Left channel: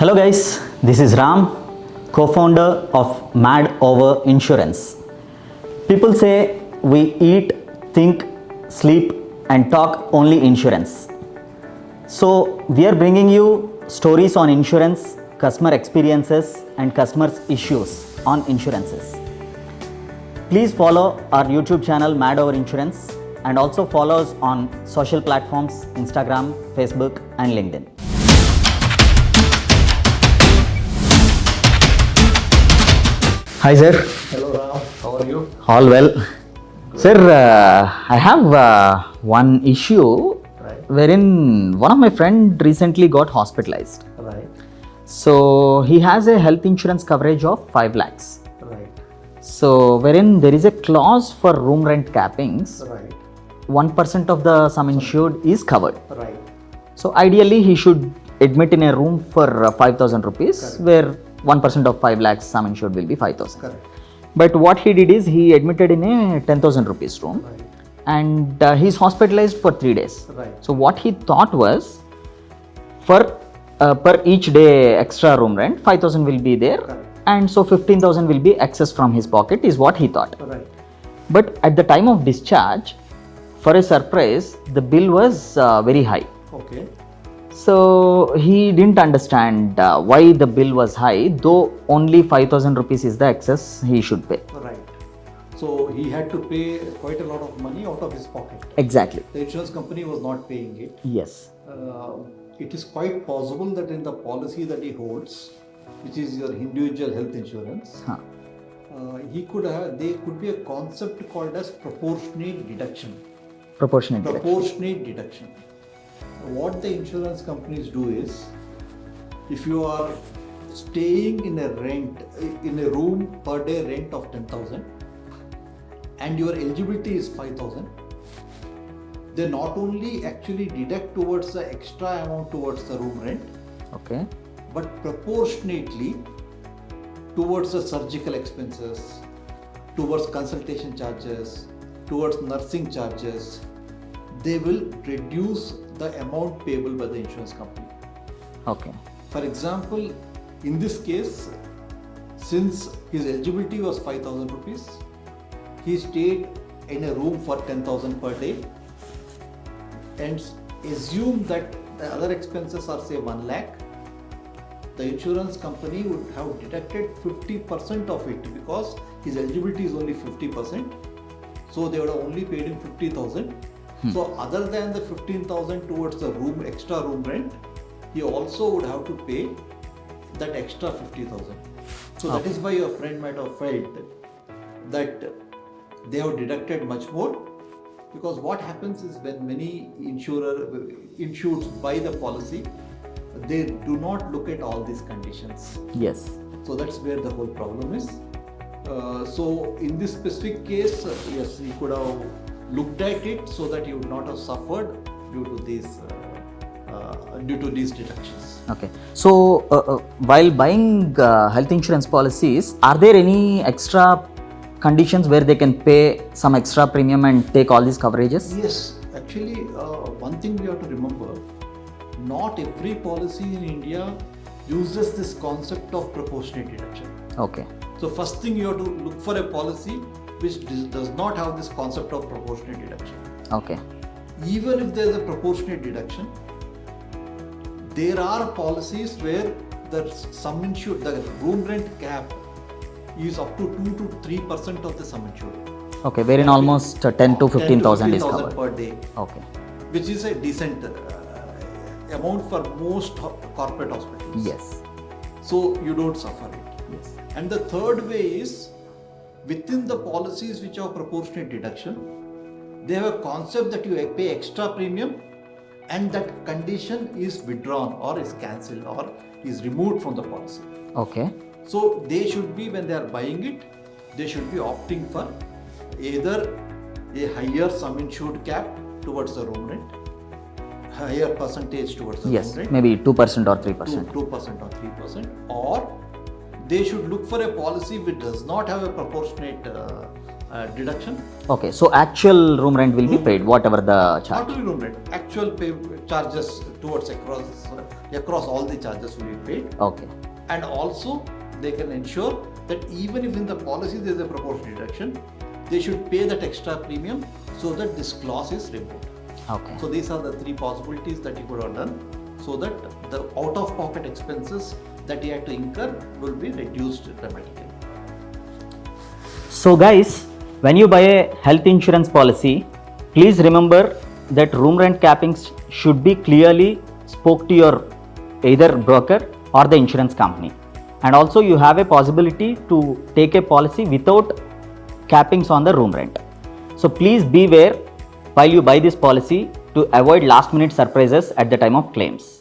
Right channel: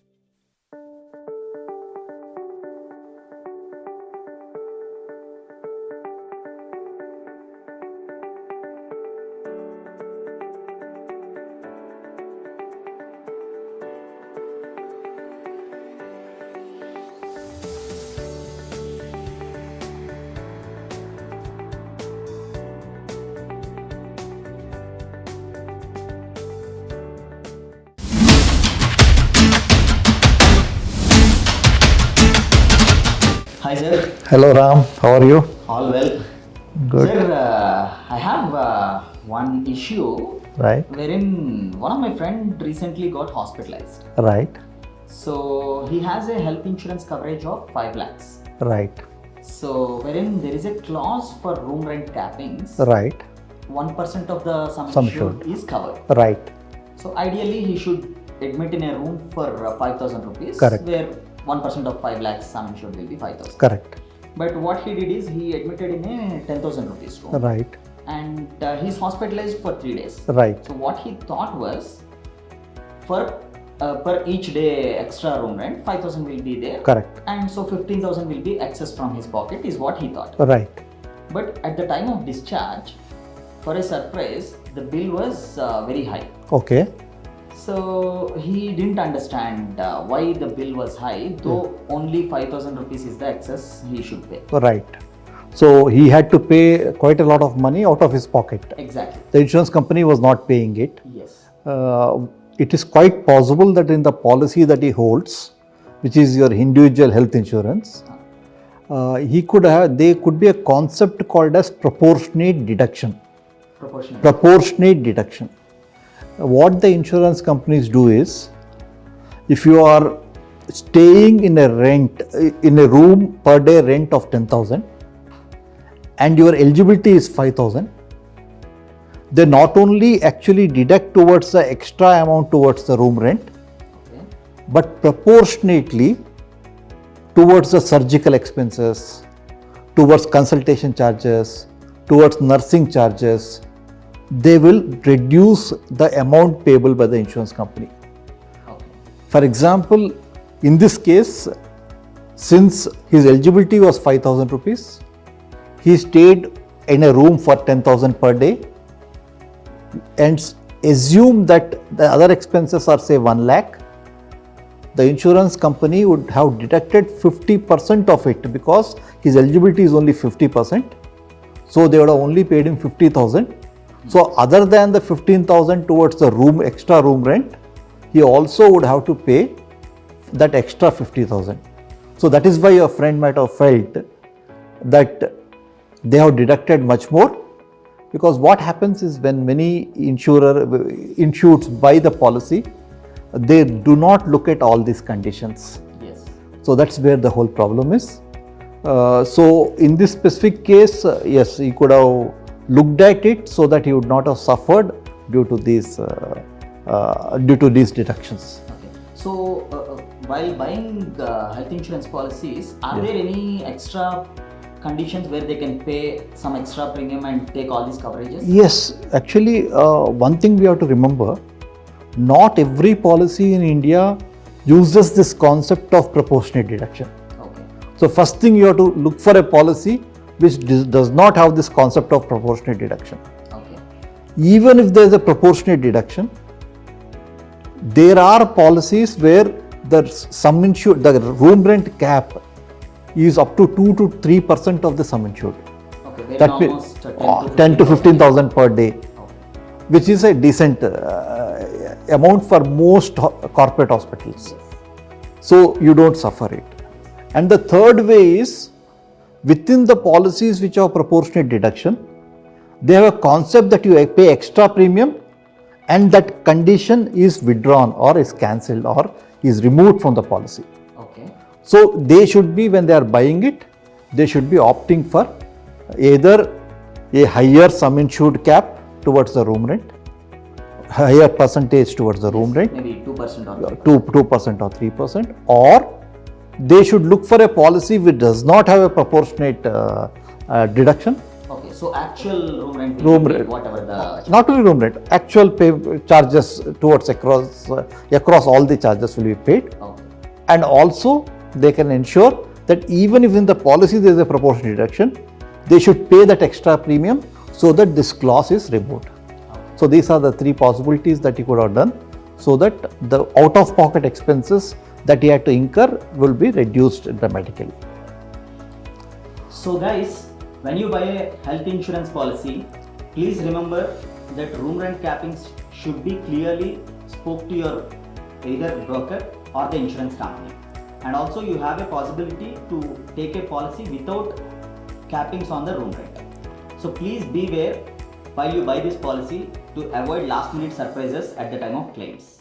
Hello guys, this is Ram, co-founder of Mad Over Insurance. People say we eat, think, sleep and talk only insurance. So we are bringing you stories on insurance, customer experiences and customers issues on insurances. Please follow our YouTube channel Mad Over Insurance and also follow us on social platforms Instagram, Facebook and LinkedIn. Hi sir. Hello Ram, how are you? All well. Good. Sir, I have one issue Right, wherein one of my friend recently got hospitalized. right, So he has a health insurance coverage of 5 lakhs. right, So wherein there is a clause for room rent cappings, right, 1% of the sum insured is covered. right, So ideally he should admit in a room for 5,000 rupees, Correct. where 1% of 5 lakhs sum insured will be 5,000. correct, But what he did is he admitted in a 10,000 rupees room. right, And he's hospitalized for 3 days. right, So what he thought was, for per each day extra room rent, 5,000 will be there, correct, and so 15,000 will be excess from his pocket is what he thought. right, But at the time of discharge, for a surprise, the bill was very high. okay, So he didn't understand why the bill was high, though only 5,000 rupees is the excess he should pay. right. So he had to pay quite a lot of money out of his pocket. Exactly. The insurance company was not paying it. Yes. It is quite possible that in the policy that he holds, which is your individual health insurance, there could be a concept called as proportionate deduction. Proportionate. Proportionate deduction. What the insurance companies do is, if you are staying in a room per day rent of 10,000 and your eligibility is 5,000, they not only actually deduct towards the extra amount towards the room rent, Okay. but proportionately towards the surgical expenses, towards consultation charges, towards nursing charges, they will reduce the amount payable by the insurance company. Okay. For example, in this case, since his eligibility was 5,000 rupees, he stayed in a room for 10,000 per day, and assume that the other expenses are say 1 lakh, the insurance company would have deducted 50% of it because his eligibility is only 50%. So they would have only paid him 50,000. So other than the 15,000 towards the extra room rent, he also would have to pay that extra 50,000. So that is why your friend might have felt that they have deducted much more, because what happens is when many insureds buy the policy, they do not look at all these conditions. Yes. So that's where the whole problem is. So in this specific case, yes, he could have looked at it so that he would not have suffered due to these deductions. Okay. So while buying health insurance policies, are there any extra conditions where they can pay some extra premium and take all these coverages? Yes, actually, one thing we have to remember, not every policy in India uses this concept of proportionate deduction. Okay. So first thing, you have to look for a policy which does not have this concept of proportionate deduction. Okay. Even if there is a proportionate deduction, there are policies where the room rent cap is up to 2 to 3% of the sum insured. Okay. Wherein almost 10 to 10 to 15,000 per day, Okay. which is a decent amount for most corporate hospitals. Yes. So you don't suffer it. And the third way is, within the policies which have proportionate deduction, they have a concept that you pay extra premium and that condition is withdrawn or is cancelled or is removed from the policy. Okay. So they should be, when they are buying it, they should be opting for either a higher sum insured cap towards the room rent, higher percentage towards the room rent, Maybe 2% or 3%. 2% or 3%, or they should look for a policy which does not have a proportionate deduction, Okay, so actual room rent will Room be paid, rent. whatever the charge. Not only room rent, actual pay charges towards across all the charges will be paid. Okay. And also they can ensure that even if in the policy there is a proportionate deduction, they should pay that extra premium so that this clause is removed. Okay. So these are the three possibilities that he could have done so that the out of pocket expenses that he had to incur will be reduced dramatically. So guys, when you buy a health insurance policy, please remember that room rent cappings should be clearly spoke to your either broker or the insurance company. And also you have a possibility to take a policy without cappings on the room rent. So please beware while you buy this policy to avoid last minute surprises at the time of claims.